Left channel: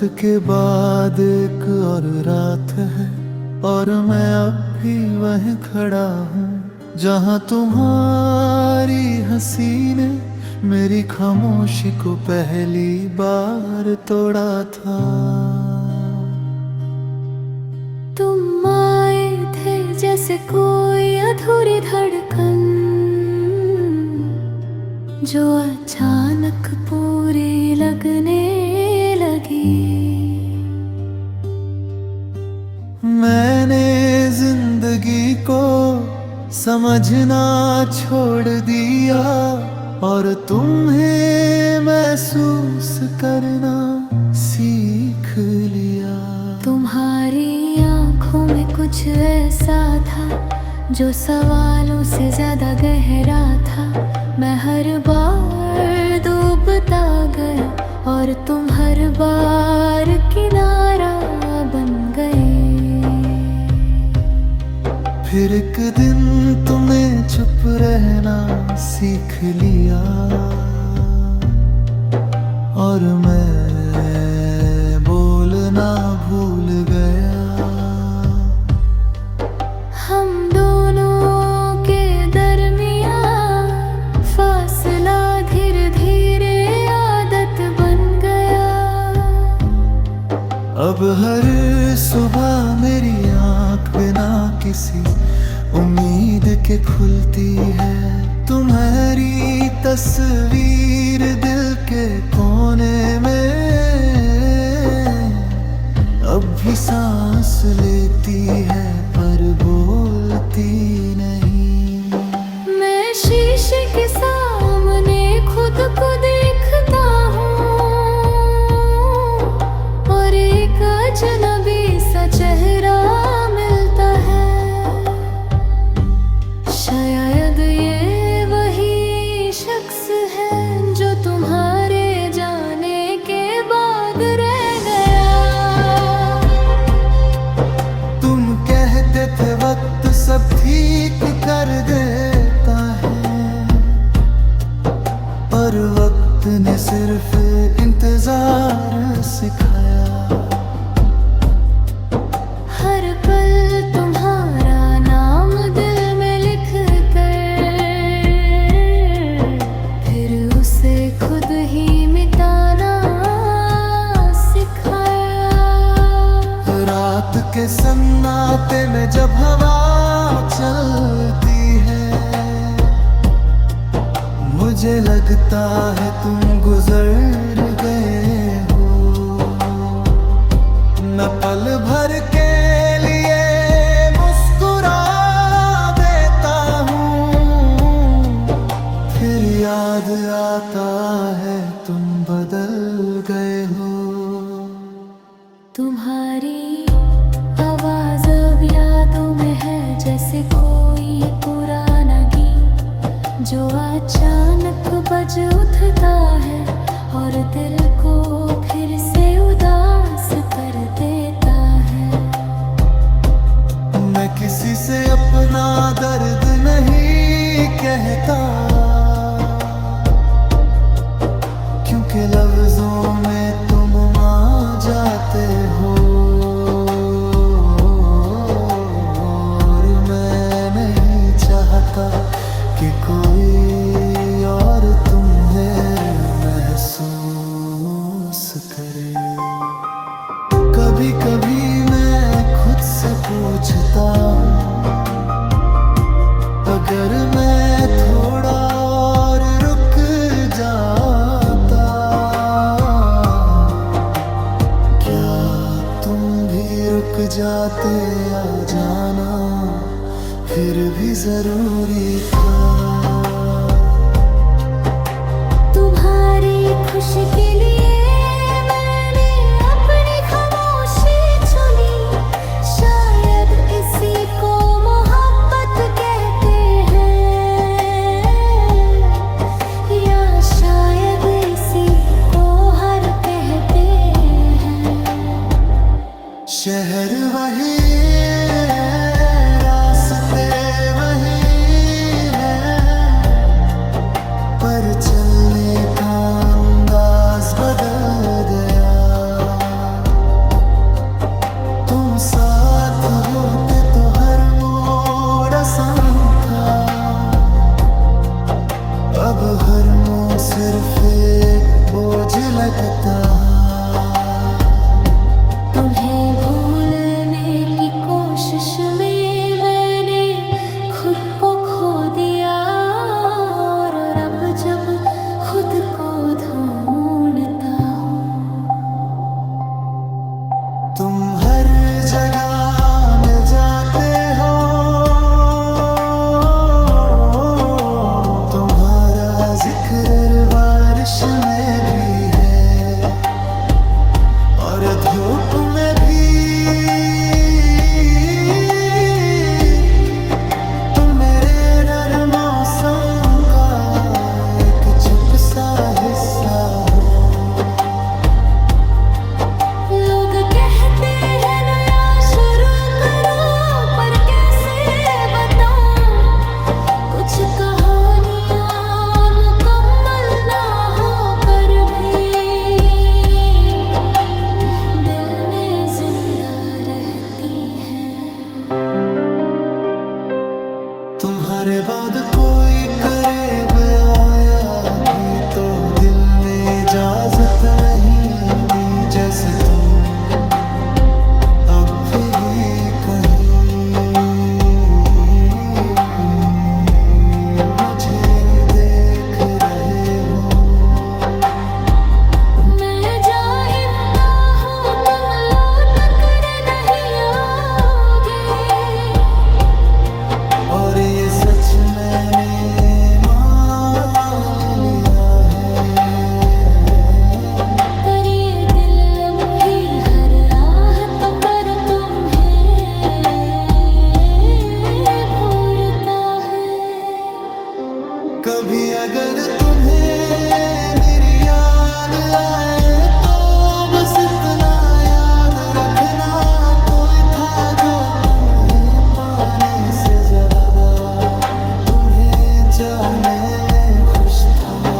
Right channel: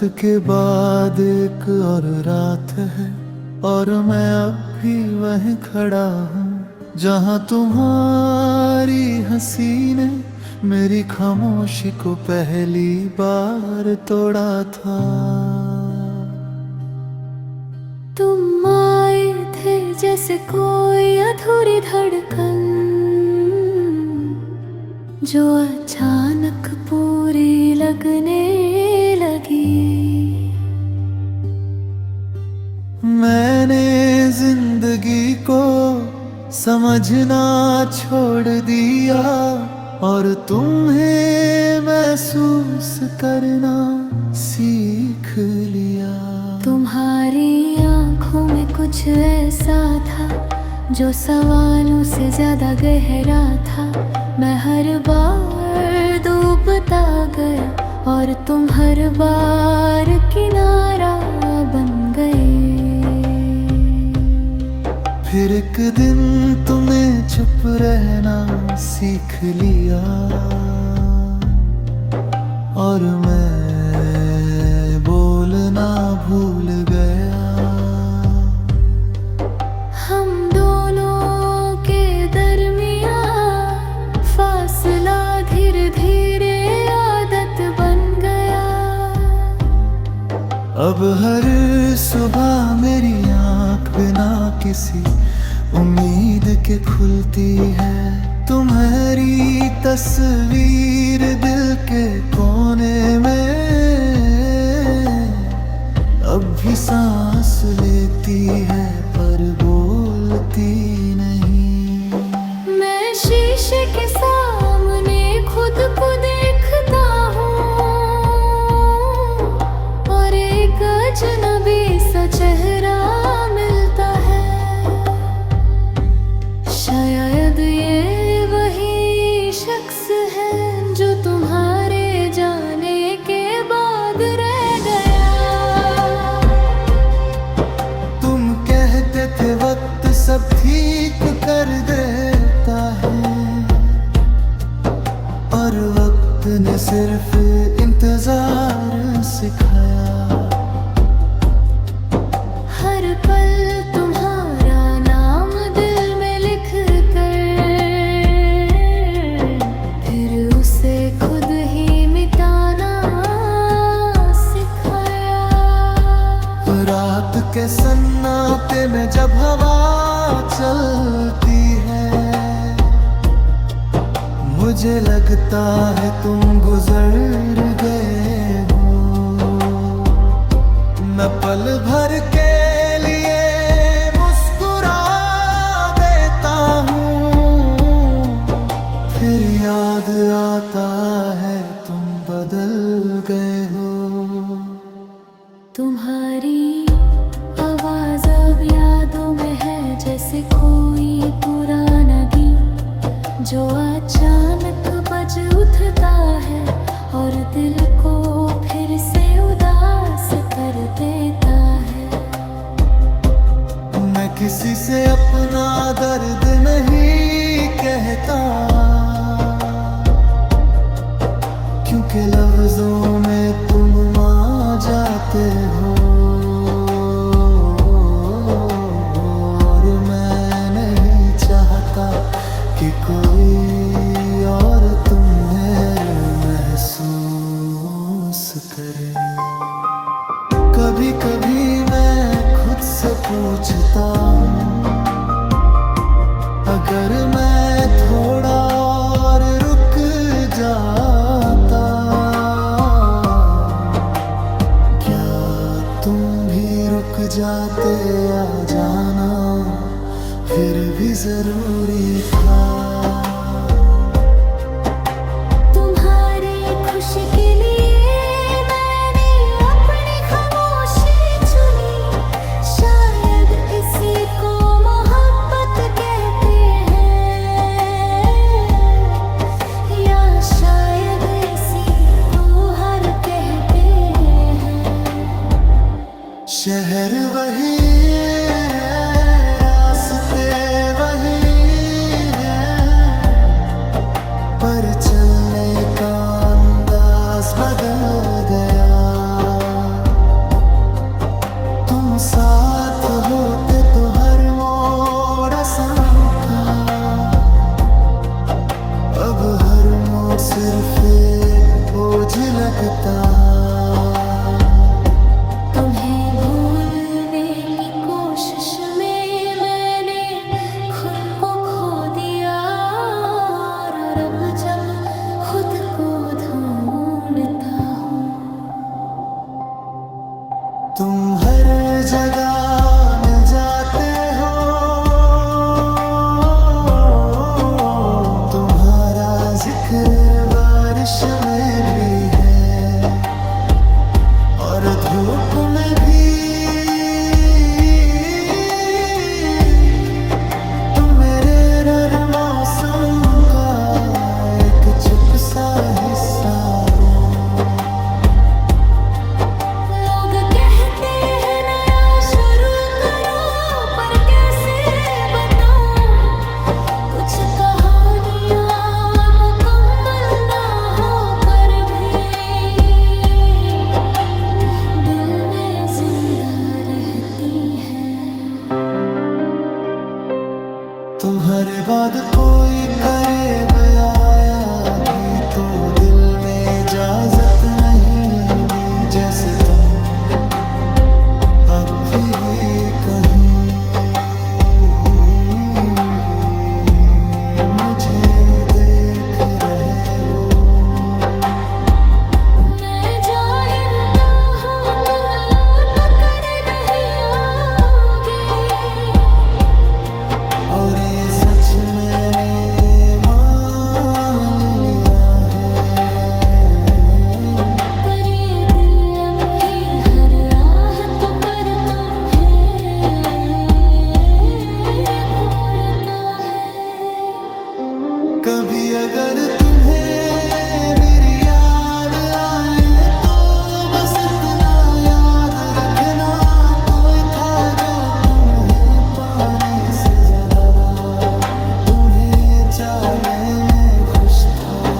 के बाद एक और रात है और मैं अब भी वहीं खड़ा हूँ जहाँ तुम्हारी हंसी ने मेरी खामोशी को पहली बार तोड़ा था। तुम आए थे जैसे कोई अधूरी धड़कन जो अचानक पूरी लगने लगी। मैंने जिंदगी को समझना छोड़ दिया और तुम्हें महसूस करना सीख लिया। तुम्हारी आंखों में कुछ ऐसा था जो सवालों से ज्यादा गहरा था। मैं हर बार डूबता गया और तुम हर बार किनारा बन गए। फिर एक दिन तुमने चुप रहना सीख लिया और मैं बोलना भूल गया। हम दोनों के दरमियां फासला धीरे धीरे आदत बन गया। अब हर सुबह मेरी आँख बिना किसी उम्मीद के खुलती है। तुम्हारी तस्वीर दिल के कोने में अब भी सांस लेती है पर बोलती नहीं। मैं शीशे के सामने खुद को देखता हूँ और एक अजनबी सा चेहरा मिलता है। शायद ये वही शख्स है जो तुम्हारे जाने के बाद रह गया। तुम कहते थे वक्त सब ठीक कर देता है और वक्त ने सिर्फ इंतजार सिखाया। हर पल तुम्हारा नाम दिल में लिख कर फिर उसे खुद ही मिटाना सिखाया। रात के सन्नाटे में जब हवा चलती है मुझे लगता है तुम गुजर गए हो। मैं पल भर के लिए मुस्कुरा देता हूँ फिर याद आता है तुम बदल गए हो। तुम्हारी आवाज अब यादों में है जैसे कोई पुराना गीत जो अचानक बज उठता है और दिल को फिर से उदास कर देता है। मैं किसी से अपना दर्द नहीं कहता क्योंकि लफ्जों में तुम आ जाते हो और मैं नहीं चाहता कि कोई और तुम्हें महसूस करे। कभी कभी मैं खुद से पूछता हूँ अगर मैं थोड़ा और रुक जाता क्या तुम भी रुक जाते या जाना फिर भी जरूरी था। तुम्हारी खुशी के लिए मैंने अपनी खामोशी चुनी। शायद इसी को मोहब्बत कहते हैं या शायद इसी को हर कहते हैं। शहर वही है रास्ते वही है पर चलने का अंदाज बदल गया। साथ होते तो हर मोड़ आसान था, अब हर मोड़ सिर्फ एक बोझ लगता। तुम्हें भूलने की कोशिश में मैंने खुद को खो दिया, और अब जब खुद को ढूंढता हूँ, तुम हर जगह मिल जाते हो, तुम्हारा जिक्र बारिश में भी है और धूप में भी। तुम मेरे हर मौसम का एक चुप सा हिस्सा हो। लोग कहते हैं नया शुरू करो, पर कैसे बताऊं कुछ कहानियां मुकम्मल ना होकर भी दिल में जिंदा रहती हैं। तुम्हारे बाद कोई करीब आया भी तो दिल ने इजाजत नहीं दी, जैसे तुम अब भी कहीं मुझे देख रहे हो। मैं जानता हूँ तुम लौट कर नहीं आओगे, और ये सच मैंने मान लिया है, पर ये दिल अब भी हर आहट पर तुम्हें पूरता है। कभी अगर तुम्हें मेरी याद आए तो बस इतना याद रखना, कोई था जो तुम्हें पाने से ज्यादा तुम्हें जाने में खुश था।